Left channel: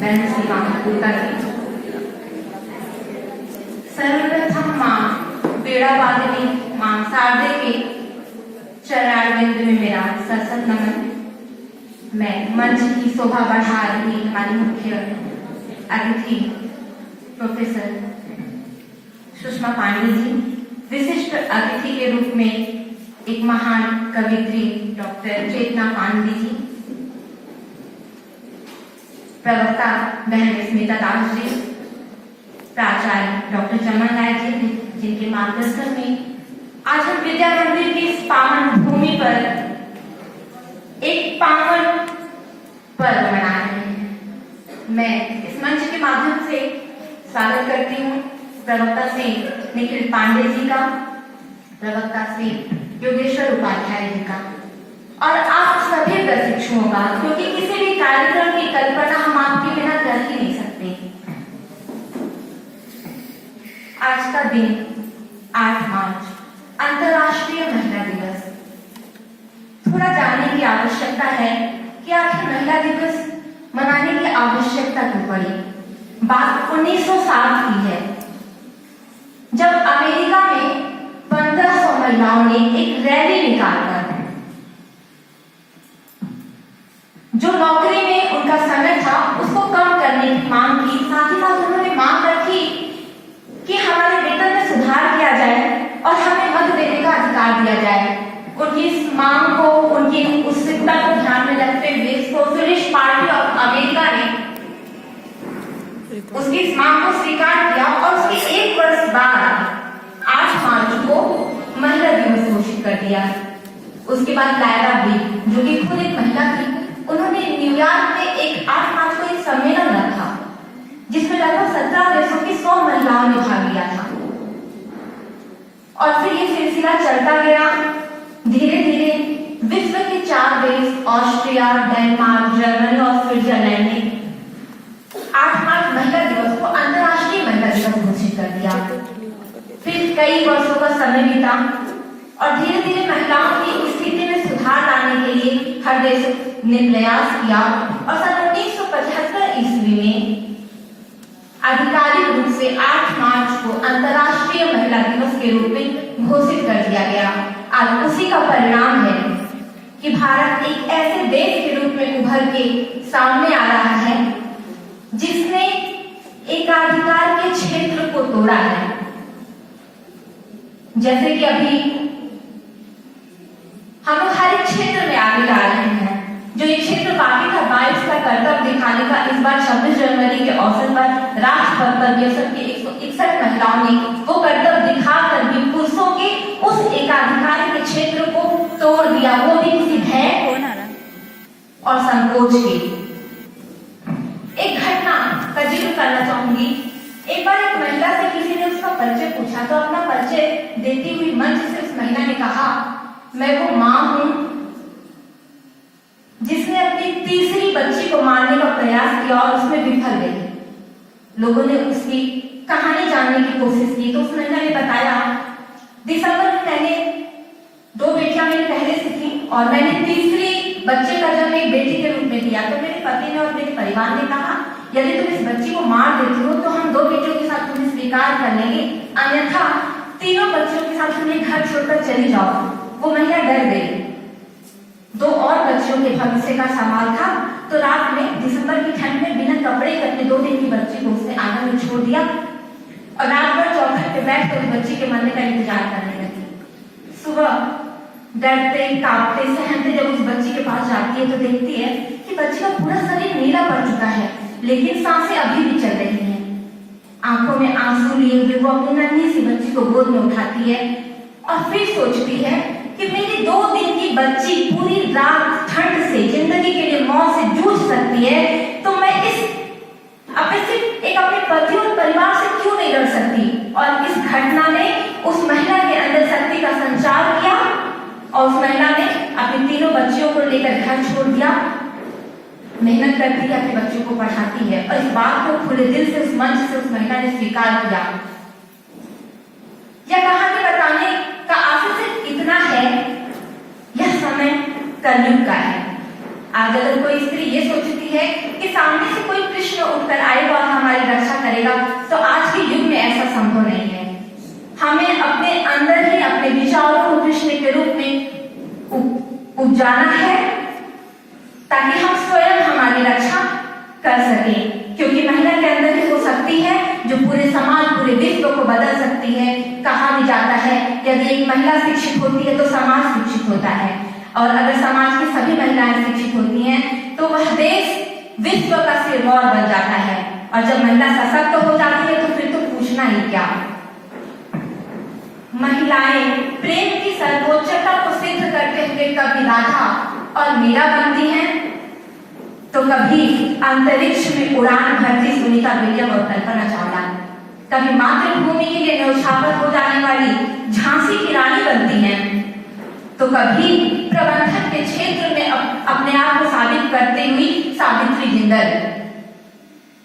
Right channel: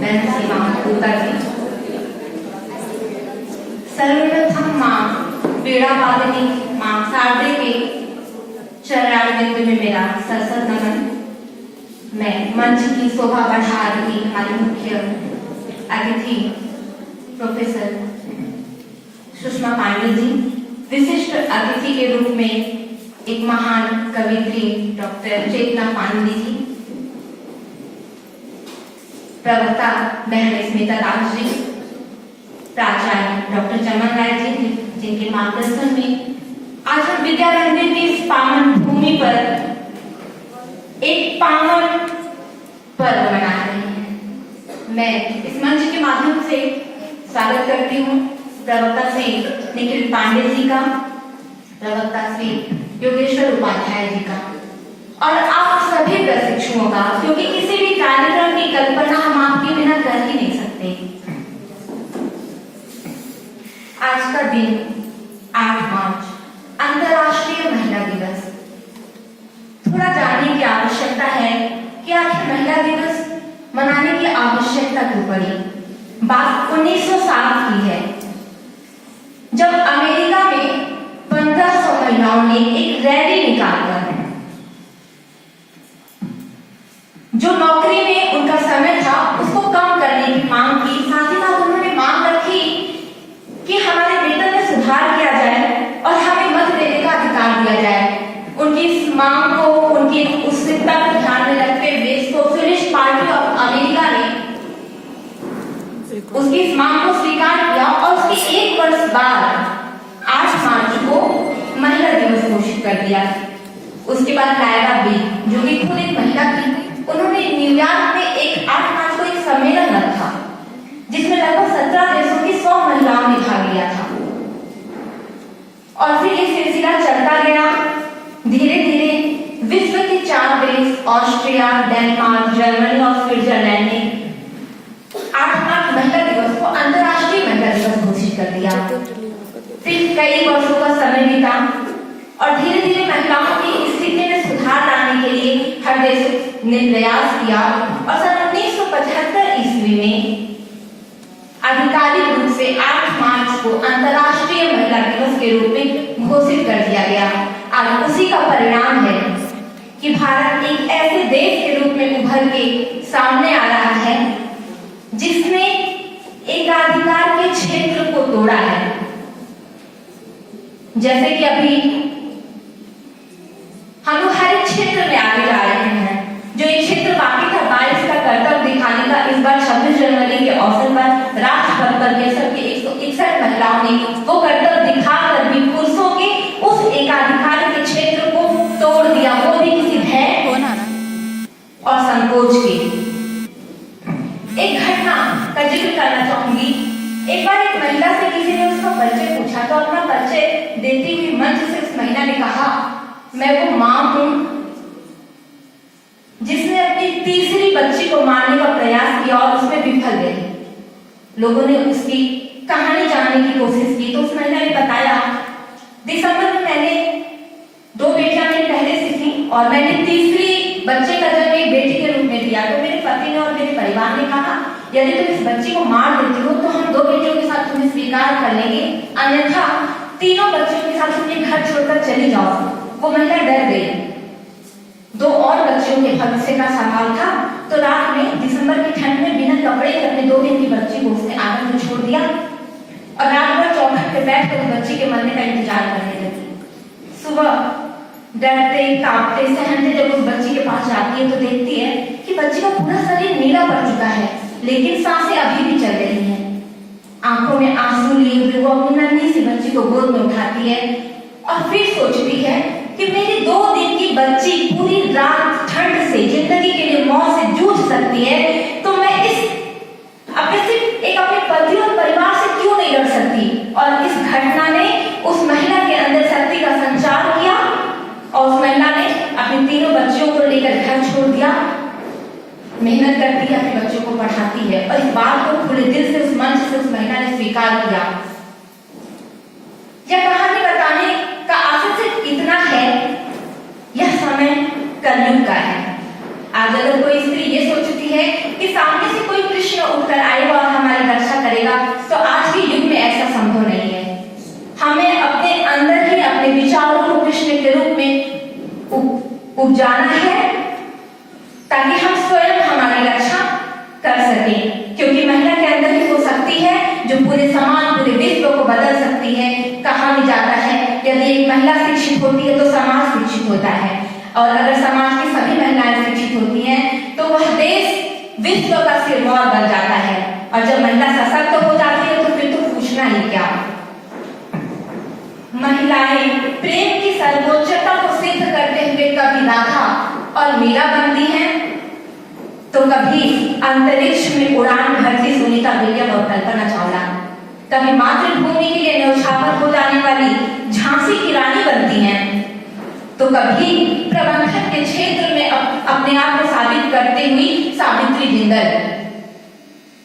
बहन सीमा गुप्ता जी। सर्वप्रथम मां वीणावादिनी मां शारदे के चरणारविंद में मेरा सशक्त नमन। मैं मंच की शोभा बढ़ा रही हमारी मुख्य अतिथि प्रोफेसर सुषमा पांडे जी, विशिष्ट अतिथि के रूप में एक महान कवित्री डॉक्टर चेतना पांडे जी, प्रवक्ता बहन स्मिता दास जी, प्राचार्य डॉक्टर चमन राय जी, जिनके मार्गदर्शन में आज हम विद्या मंदिर की इस पावन भूमि पर एक पावन पर्व मना रहे हैं। मैं इस मंच के माध्यम से स्वागत करती हूँ प्रवक्ता श्री निखिल पांडे जी का, प्रवक्ता श्री योगेश्वर उपाध्याय जी का और आप सभी प्रशिक्षुओं का, क्योंकि किसी भी कार्यक्रम की कल्पना हम आपके बिना कर ही नहीं सकते। आज का दिन 8 मार्च अंतर्राष्ट्रीय महिला दिवस। थोड़ा जानने की आवश्यकता है कि आखिर महिला दिवस मनाने की आवश्यकता क्यों पड़ी। बात 1960 की है, जब अमेरिका में 1500 महिलाओं ने एक रैली निकालकर जो नौकरी में उनका समय था उसको कम करने की मांग की। साथ ही साथ उन्होंने मांग रखी कि हमारे वेतन में सुधार किया जाए और हमें मत देने का अधिकार दिया जाए। उनकी इस मांग को, उनकी उत्सुकता को ध्यान में रखते हुए सोशलिस्ट पार्टी ऑफ अमेरिका ने उसकी इस मांग को स्वीकार किया और उसके 1 वर्ष बाद 8 मार्च को महिला दिवस घोषित कर दिया। उसके बाद लायरा बी, जो कि खुद एक महिला थी, उन्होंने न्यूयॉर्क में एक 8 मार्च को एक सम्मेलन रखा जिसमें लगभग 17 देशों की 100 महिलाओं ने भाग लिया था। और फिर ये सिलसिला चलता गया। धीरे धीरे विश्व के 4 देश ऑस्ट्रिया, डेनमार्क, जर्मनी और स्विट्जरलैंड ने 8 मार्च महिला दिवस को अंतर्राष्ट्रीय महिला दिवस घोषित कर दिया। फिर कई वर्षों का समय बीता और धीरे धीरे महिलाओं की स्थिति में सुधार लाने के लिए हर देश ने प्रयास किया और सन 1975 ईस्वी में आधिकारिक रूप से 8 मार्च को अंतर्राष्ट्रीय महिला दिवस के रूप में घोषित कर दिया गया। और उसी का परिणाम है कि भारत एक ऐसे देश के रूप में उभर के सामने आ रहा है जिसने एकाधिकार के क्षेत्र को तोड़ा है। जैसे कि अभी हम हर एक क्षेत्र में आगे ला रहे हैं। जो एक क्षेत्र बाकी था 22 का कर्तव्य दिखाने का, इस बार 26 जनवरी के अवसर पर राजपथ पर ये सबकी 161 महिलाओं ने वो कर्तव्य दिखाकर भी पुरुषों के उस एकाधिकार के क्षेत्र को तोड़ दिया, वो भी किसी भय और संकोच की। एक घटना का जिक्र करना चाहूंगी। एक बार एक महिला से किसी ने उसका परिचय पूछा तो अपना परिचय देती हुई मंच से उस महिला ने कहा, मैं वो मां हूं जिसने अपनी तीसरी बच्ची को मारने का प्रयास किया और उसमें विफल गई। लोगों ने उसकी कहानी जानने की कोशिश की तो उस महिला ने बताया, दिसंबर में मैंने 2 बेटियां मेरी पहले से थी और मैंने तीसरी बच्चे का जन्म एक बेटी के रूप में दिया। तो मेरे पति ने और मेरे परिवार ने कहा, यदि तुम इस बच्ची को मार देती हो तो हम 2 बेटियों के साथ तुम्हें स्वीकार कर लेंगे, अन्यथा तीनों बच्चों के साथ तुम्हें घर छोड़कर चली जाओ। वो महिला डर गई। 2 और बच्चियों के भविष्य का सवाल था तो रात में दिसंबर की ठंड में बिना कपड़े के अपने 2 दिन की बच्ची को उसने आंगन में छोड़ दिया और रात भर चौखट पे बैठकर उस बच्ची के मरने का इंतजार करने लगी। सुबह डरते कांपते सहमते जब उस बच्ची के पास जाती है तो देखती है कि बच्ची का पूरा शरीर नीला पड़ चुका है, लेकिन सांसें अभी भी चल रही हैं। आंखों में आंसू लिए हुए वो अपनी नन्ही सी बच्ची को गोद में उठाती है और फिर सोचती है कि मेरी 2 दिन की बच्ची पूरी रात ठंड से, जिंदगी के लिए मौत से जूझ सकती है, तो मैं अपने पति और परिवार से क्यों नहीं लड़ सकती। और इस घटना ने उस महिला के अंदर शक्ति का संचार किया और उस महिला ने अपनी तीनों बच्चियों को लेकर घर छोड़ दिया, मेहनत करती है, अपने बच्चों को पढ़ाती है। और इस बात को खुले दिल से उस मंच से उस महिला ने स्वीकार किया। यह कहानी बताने का आशय सिर्फ इतना है, यह समय कलयुग का है। आज अगर कोई स्त्री ये सोचती है कि सामने से कोई कृष्ण उठकर आएगा और हमारी रक्षा करेगा, तो आज के युग में ऐसा संभव नहीं है। हमें अपने अंदर ही अपने विचारों को कृष्ण के रूप में उपजाना है, ताकि हम स्वयं हमारी रक्षा कर सके। क्योंकि महिला के अंदर ही वो शक्ति है जो पूरे समाज, पूरे विश्व को बदल सकती है। कहा भी जाता है यदि एक महिला शिक्षित होती है तो समाज शिक्षित होता है, और अगर समाज की सभी महिलाएं शिक्षित होती हैं तो वह देश विश्व का सिरमौर बन जाता है। और जब महिला सशक्त हो जाती है तो फिर तो पूछना ही क्या। महिलाएं प्रेम की सर्वोच्चता को सिद्ध करते हुए कभी राधा और मीरा बनती हैं, तो कभी अंतरिक्ष में उड़ान भरती सुनीता विलियम और कल्पना चावला, कभी मातृभूमि के लिए न्यौछावर हो जाने वाली झांसी की रानी बनती हैं, तो कभी प्रबंधन के क्षेत्र में अपने आप को साबित करते हुई सावित्री जिंदल,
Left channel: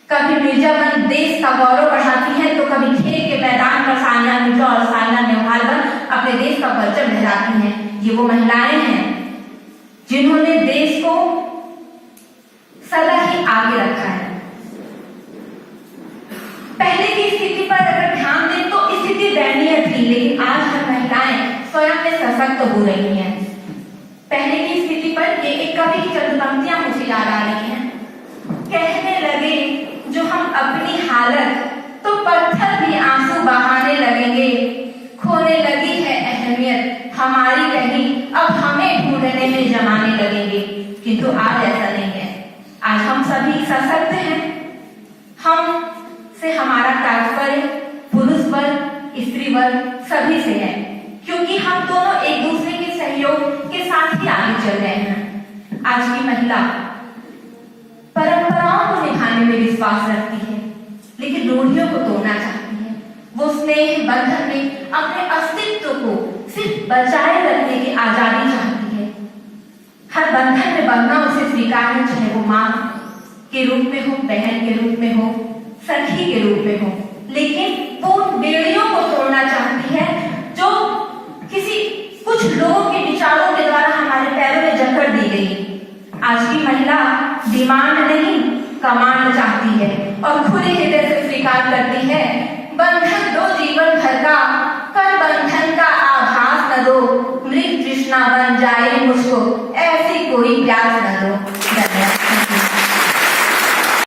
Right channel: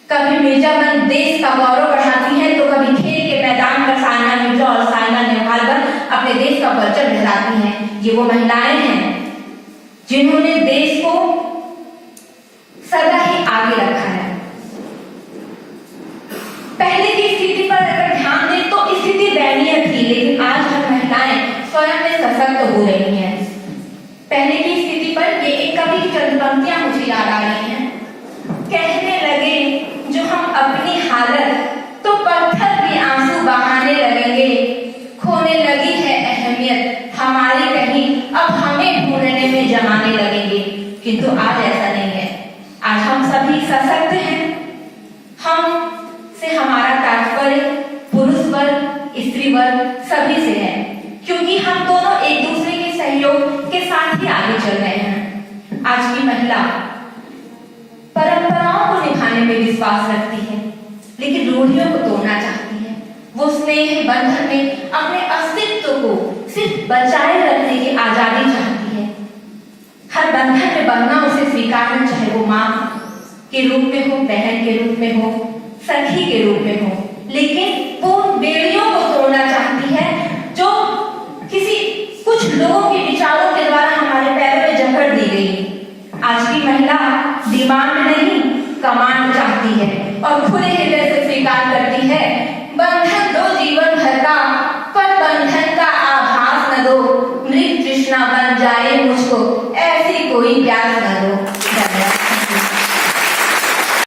कभी मिर्जागंज देश का गौरव बढ़ाती है, तो कभी खेल के मैदान पर सानिया मिर्जा और साइना नेहवाल अपने देश का परचम लहराती हैं। ये वो महिलाएं हैं जिन्होंने देश को सदा ही आगे रखा है। पहले की स्थिति पर अगर ध्यान दें तो स्थिति दयनीय थी, लेकिन आज हर महिलाएं स्वयं में सशक्त हो रही हैं। पहले की स्थिति पर ये एक कवि की चंद पंक्तियां मुझे याद आ रही हैं। कहने लगे जो हम अपनी हालत, तो पत्थर भी आंसू बहाने लगेंगे। खोने लगी है अहमियत हमारी कहीं, अब हमें ढूंढने में जमाने लगेंगे। किंतु आज ऐसा नहीं है। आज हम सभी सशक्त हैं। हम से हमारा तात्पर्य पुरुष वर्ग, स्त्री वर्ग सभी से है, क्योंकि हम दोनों एक दूसरे के सहयोग के साथ ही आगे चल रहे हैं। आज की महिला परंपराओं को निभाने में विश्वास रखती है, लेकिन रूढ़ियों को तोड़ना चाहती है। वो स्नेह बंधन में अपने अस्तित्व को सिर्फ बचाए रखने की आजादी चाहती है। हर बंधन में बंधना उसे स्वीकार है, चाहे वो मां के रूप में हो, बहन के रूप में हो, सखी के रूप में हो, लेकिन वो बेड़ियों को तोड़ना चाहती है जो किसी कुछ लोगों के विचारों के द्वारा हमारे पैरों में जकड़ दी गई। आज की महिला डिमांड नहीं, कमांड चाहती है और खुले हृदय से स्वीकार करती है। बंधन दो जीवन भर का, पर बंधन का आभास न दो। मृत तृष्णा बन जाए मुझको, ऐसी कोई प्यास न दो।